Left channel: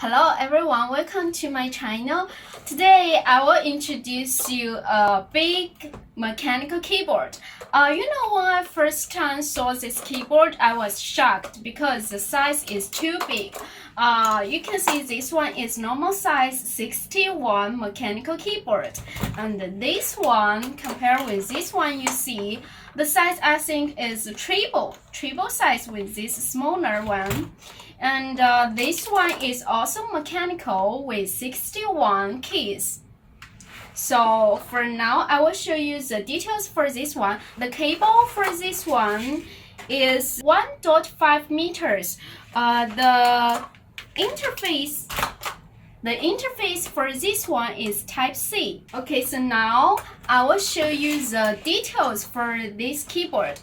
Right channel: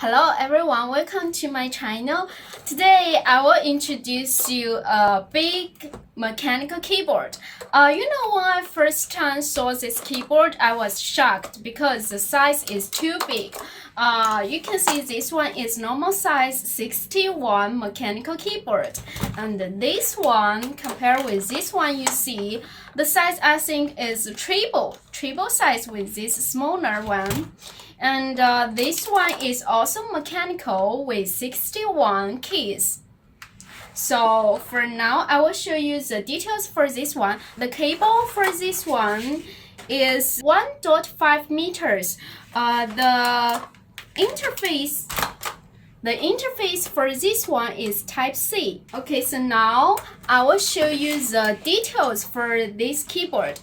Hello everyone, welcome to my channel. Today I will introduce you a big mechanical keyboard. When I first time saw this keyboard, I was shocked because the size is too big. You can see this one is normal size 61 mechanical keyboard, and this one compared with this one, you see the size I think is triple size with this smaller one. And this one is also mechanical with 61 keys. So for now, I will show you the details for this one. The cable for this one is 1.5 meters. The interface for this one is Type C. Okay, so now I will show you the details for this keyboard.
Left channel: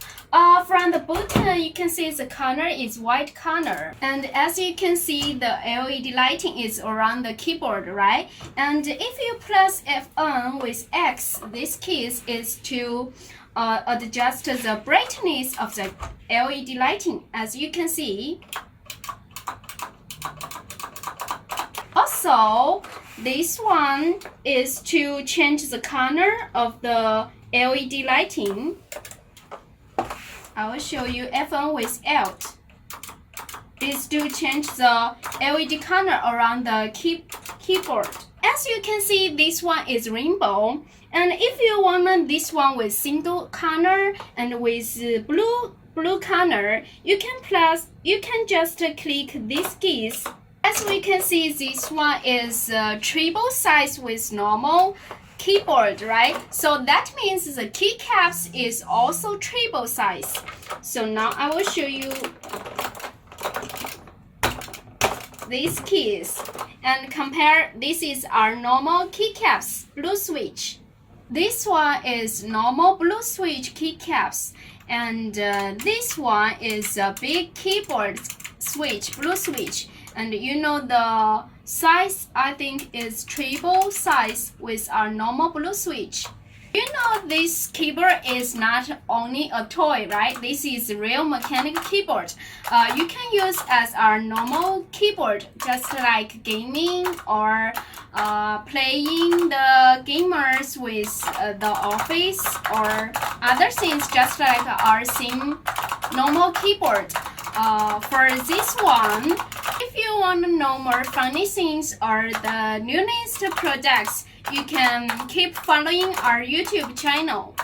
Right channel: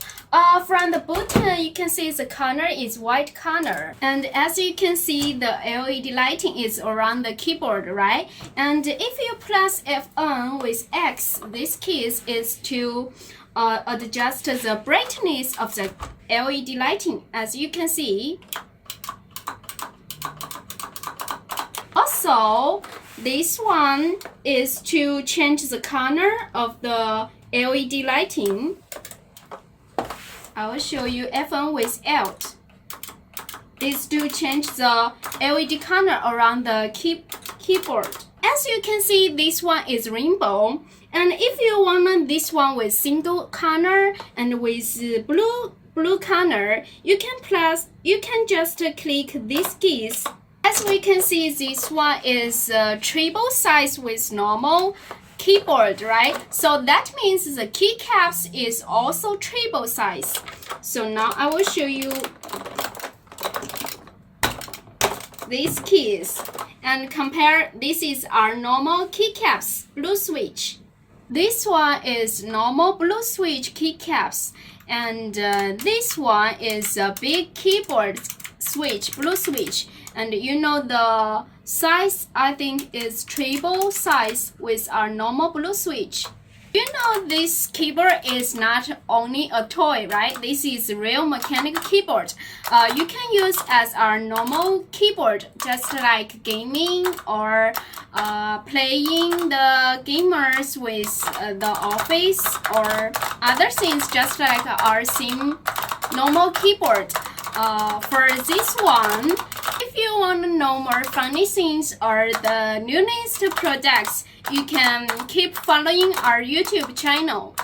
From the button, you can see the color is white color. And as you can see, the LED lighting is around the keyboard, right? And if you press F1 with X, this key is to adjust the brightness of the LED lighting, as you can see. Also, this one is to change the color of the LED lighting. I will show you F1 with Alt. This to change the LED color around the keyboard. As you can see, this one is rainbow. And if you want this one with single color and with blue color, you can just click these keys. As we can see, this one is triple size with normal keyboard, right? So that means the keycaps is also triple size. So now I will show you these keys and compare. This is our normal keycaps blue switch. This one is normal blue switch keycaps, and this one is a big keyboard switch, blue switch. And the size, I think, is triple size with our normal blue switch. This keyboard is not only a toy, right? This is a real mechanical keyboard. You can use as our normal keyboard, just like gaming or playing the gamers with the office or other things, just like our same normal keyboard. For this one, if you want to know more funny things or the newest products, you can keep following our YouTube channel.